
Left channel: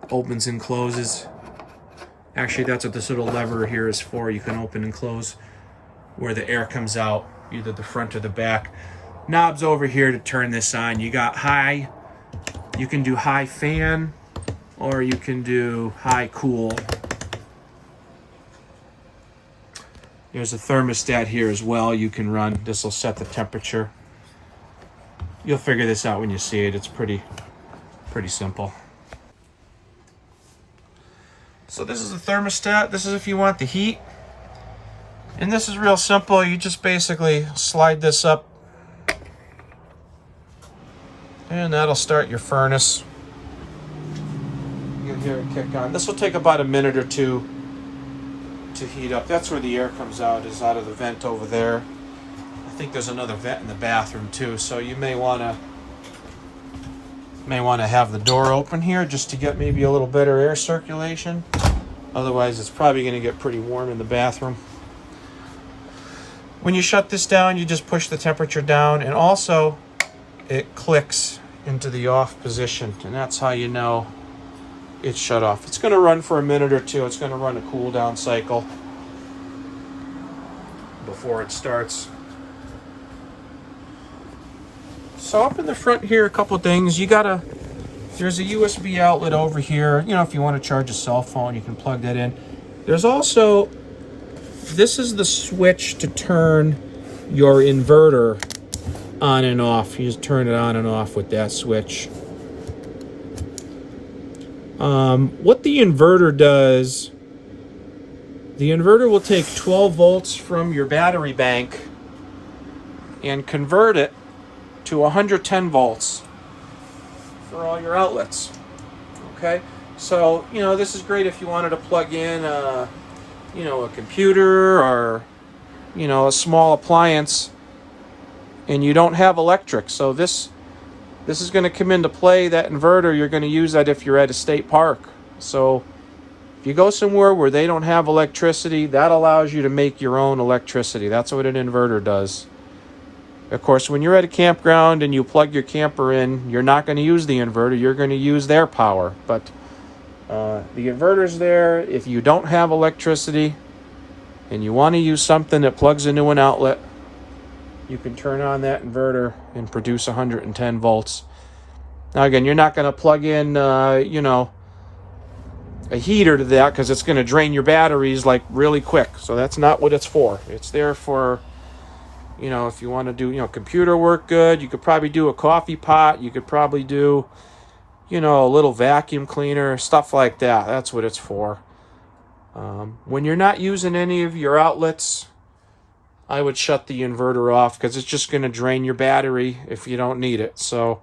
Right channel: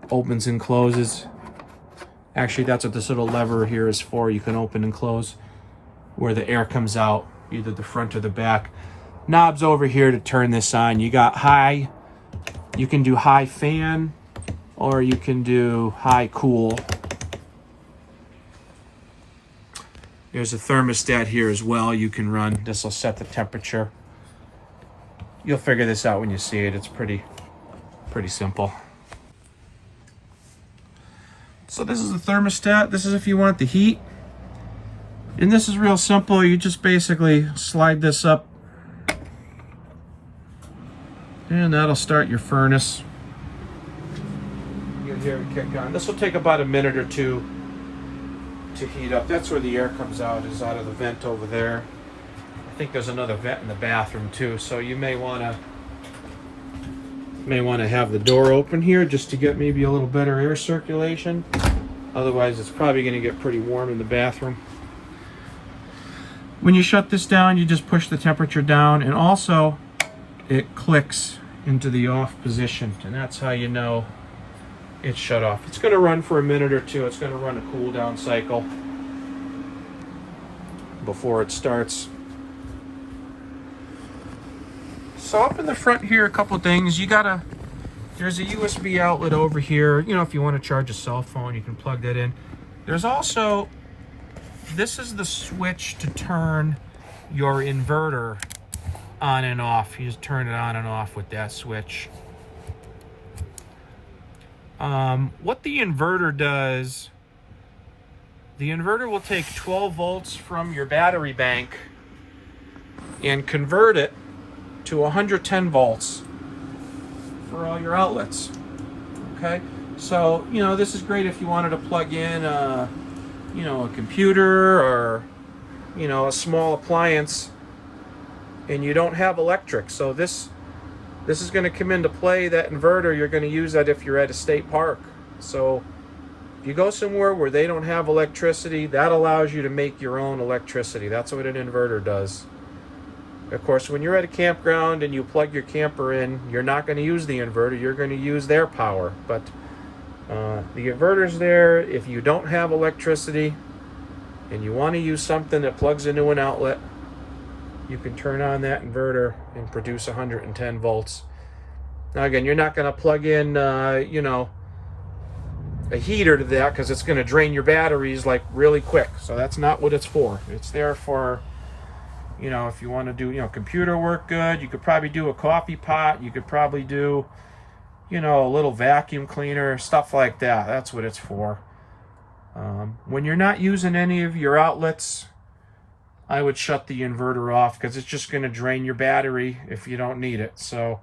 opens and closes. Actually, that's what this little lever here is for. You can open and close where the air comes out, either the front or the back. Knobs over here to turn this on. You got high. You can do high fan, or you can do high cool. There's a thermostat here as well you can run. This will set the temperature. You'll figure this out when you see it. It's pretty simple. So this is the thermostat. This is if you want the heat. And this is real simple. You just basically slide this up. And that'll start your furnace. You'll hear it kick on. This will take about a minute or two to heat up. That's where the air comes out, is out of the vent over there. I think there's another vent in the bathroom too, so you may want to have the door open here just to get maybe a little better air circulation. Otherwise it's probably going to get pretty warm in the bathroom. When you shut this down, you just push the temperature down, and also it clicks into the off position, and that's how you know it's shut off. It's going to run for a minute or two. It's going to run a cool down cycle before it starts. So up in the front here, a couple things. There's a USB outlet over here. You know, if you want to charge a cell phone, you can plug that in. There's also, this is the switch to turn your inverter on and off. You just turn it on and off with that switch. What the inverter does, the inverter will take 12 volts from your battery bank and convert it to 110 volts for all your outlets. Okay, so you know, this is great if you wanted to plug in a computer or a small appliance and you don't have electric. So this is going to come into play. That inverter, you're going to use that if you're at a state park. So if you go somewhere where they don't have electricity, that allows you to make your own electricity. That's what an inverter does. Of course, when you're at a campground and you plug your camper in, you're not going to use the inverter. You're going to use their power. But the inverter's there. If you don't have electricity and you want to use something that plugs into an outlet, you can turn on that inverter and produce 110 volts. Now again, you're not going to plug in, a heater to that, because it's going to drain your batteries like really quick. So that's not what it's for. It's there for, if you want to do, computer work good. You could probably do a coffee pot. You could probably do, a little vacuum cleaner, stuff like that. That's what it's for. When you're not using any of your outlets, I would shut the inverter off, because it's just going to drain your battery if you don't need it. So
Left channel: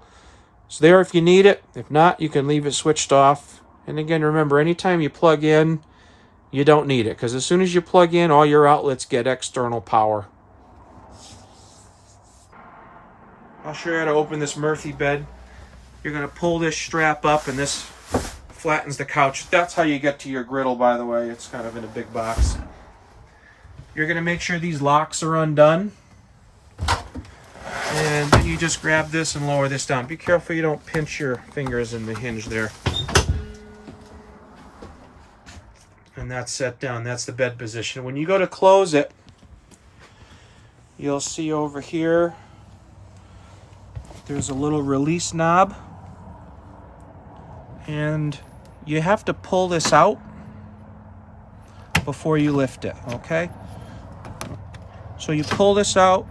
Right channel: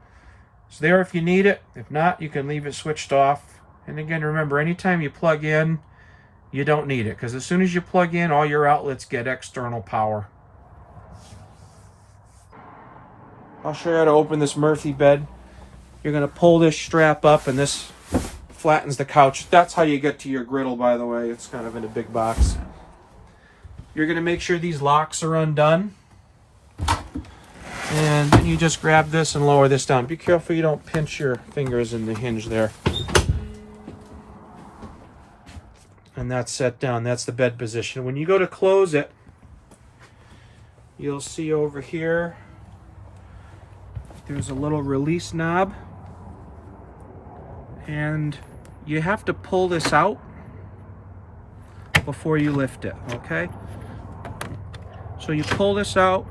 it's there if you need it. If not, you can leave it switched off. And again, remember, anytime you plug in, you don't need it, because as soon as you plug in, all your outlets get external power. I'll show you how to open this Murphy bed. You're going to pull this strap up, and this flattens the couch. That's how you get to your griddle, by the way. It's kind of in a big box. You're going to make sure these locks are undone. And then you you just grab this and lower this down. Be careful you don't pinch your fingers in the hinge there. And that's set down. That's the bed position. When you go to close it, you'll see over here there's a little release knob, and you have to pull this out before you lift it, okay? So you pull this out,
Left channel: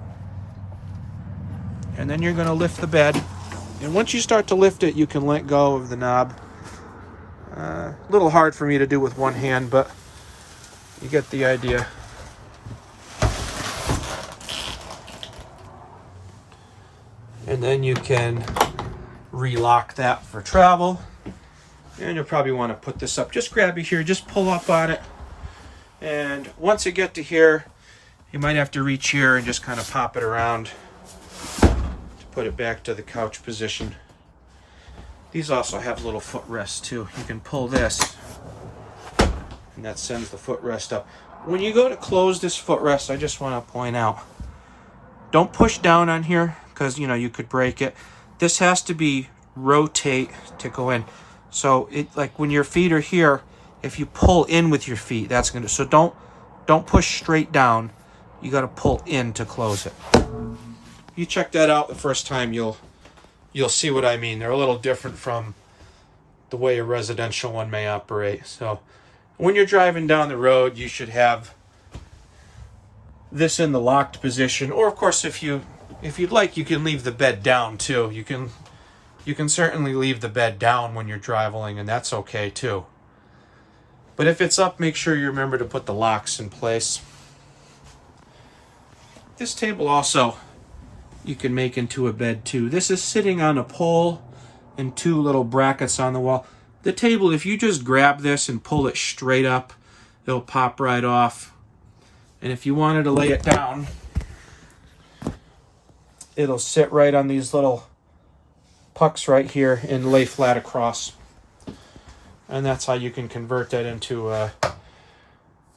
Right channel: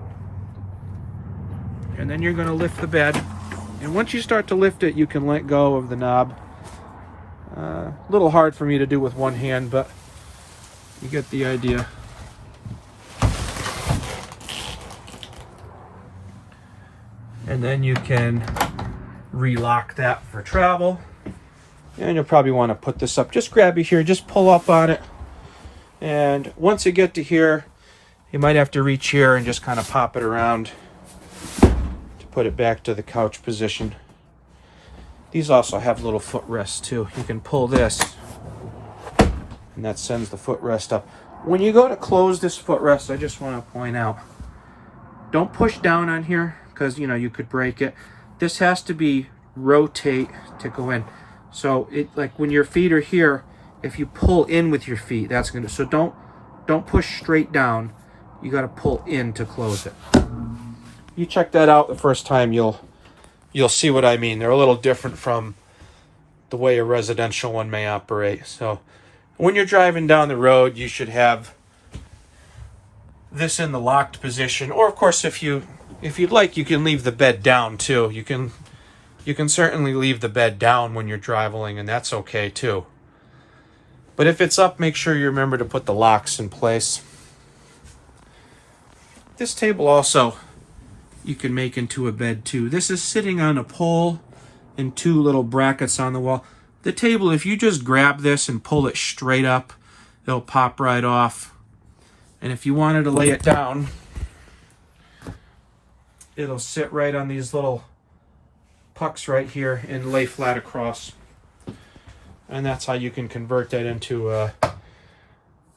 and then you're going to lift the bed. And once you start to lift it, you can let go of the knob. A little hard for me to do with one hand, but you get the idea. And then you can relock that for travel. And you'll probably want to put this up. Just grab it here, just pull up on it. And once you get to here, you might have to reach here and just kind of pop it around to put it back to the couch position. These also have little footrests too. You can pull this, and that sends the footrest up. When you go to close this footrest, I just want to point out, don't push down on here, because you could break it. This has to be rotate to go in. So it, like when your feet are here, if you pull in with your feet, that's gonna, so don't push straight down. You gotta pull in to close it. You check that out the first time, you'll see what I mean. They're a little different from the way a residential one may operate. So when you're driving down the road, you should have this in the locked position. Or of course, if you'd like, you can leave the bed down too. You can certainly leave the bed down when you're traveling, and that's okay too. But if it's up, make sure you remember to put the locks in place. This table also you can make into a bed too. This is sitting on a pole and two little brackets on the wall. The table, if you just grab this and pull it straight up, it'll pop right off. And if you wanted to lay it down, it'll sit right on these little pucks right here and lay flat across. And that's how you can convert that into a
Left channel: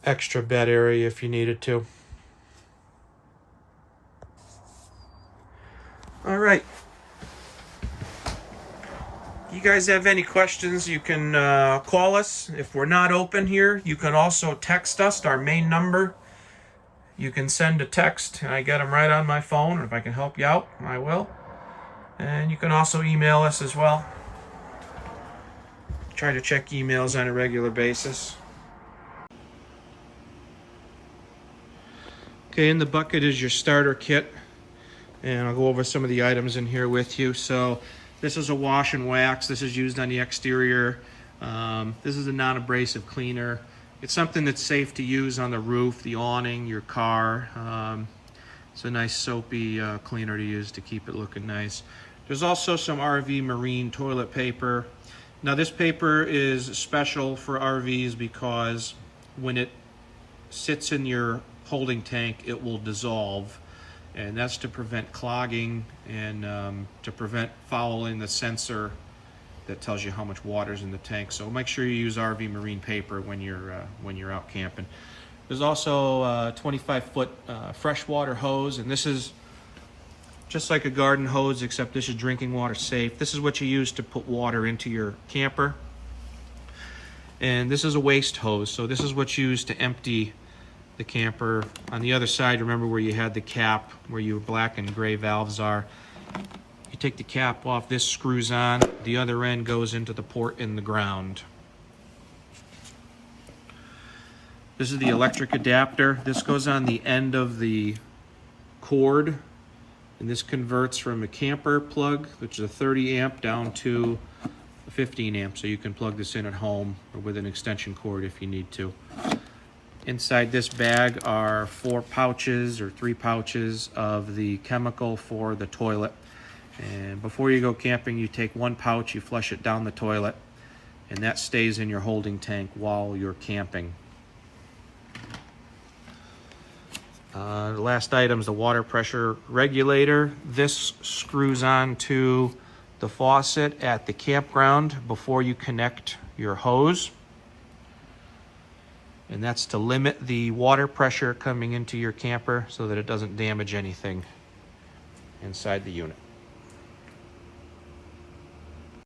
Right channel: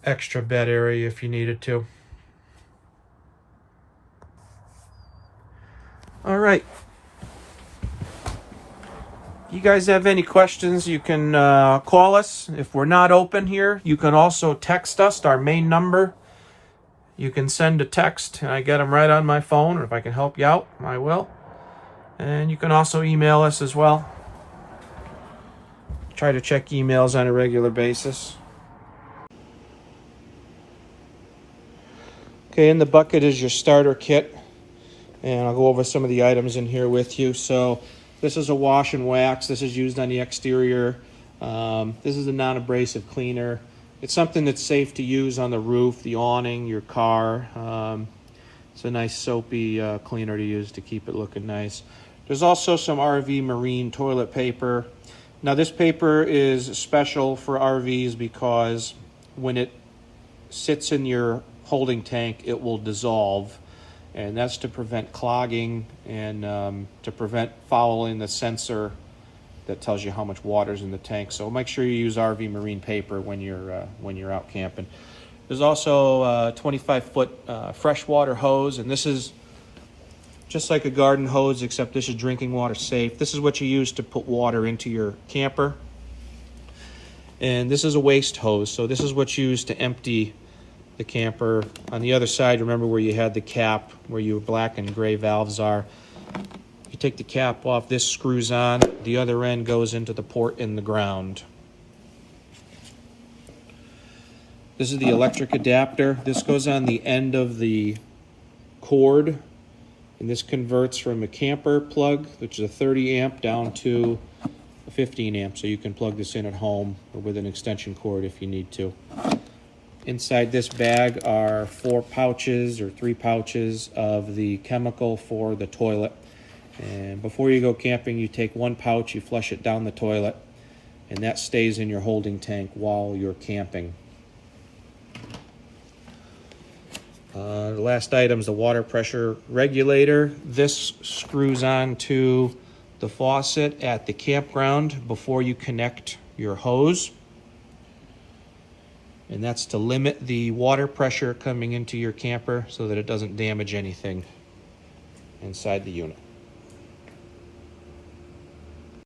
extra bed area if you needed to. All right. You guys have any questions, you can call us. If we're not open here, you can also text us, our main number. You can send a text, and I get them right on my phone. Or if I can help you out, I will. And you can also email us as well. Try to check emails on a regular basis. Okay, in the bucket is your starter kit. And I'll go over some of the items in here with you. So this is a wash and wax. This is used on the exterior. This is a non-abrasive cleaner. It's something that's safe to use on the roof, the awning, your car. It's a nice soapy cleaner to use to keep it looking nice. There's also some RV marine toilet paper. Now this paper is special for RVs because when it sits in your holding tank, it will dissolve. And that's to prevent clogging and to prevent fouling the sensor that tells you how much water's in the tank. So make sure you use RV marine paper when you're out camping. There's also a 25-foot freshwater hose, and this is just like a garden hose, except this is drinking water safe. This is what you use to put water into your camper. And this is a waste hose, so this is what's used to empty the camper. On the other side, remember where you had the cap, where your black and gray valves are. You take the cap off, this screws on, the other end goes into the port in the ground. This is the electric adapter. This goes on the end of the cord, and this converts from a camper plug, which is a 30 amp, down to a 15 amp, so you can plug this in at home or with an extension cord if you need to. Inside this bag are 4 pouches or 3 pouches of the chemical for the toilet. And before you go camping, you take 1 pouch, you flush it down the toilet, and that stays in your holding tank while you're camping. The last item is the water pressure regulator. This screws on to the faucet at the campground before you connect your hose. And that's to limit the water pressure coming into your camper so that it doesn't damage anything inside the unit.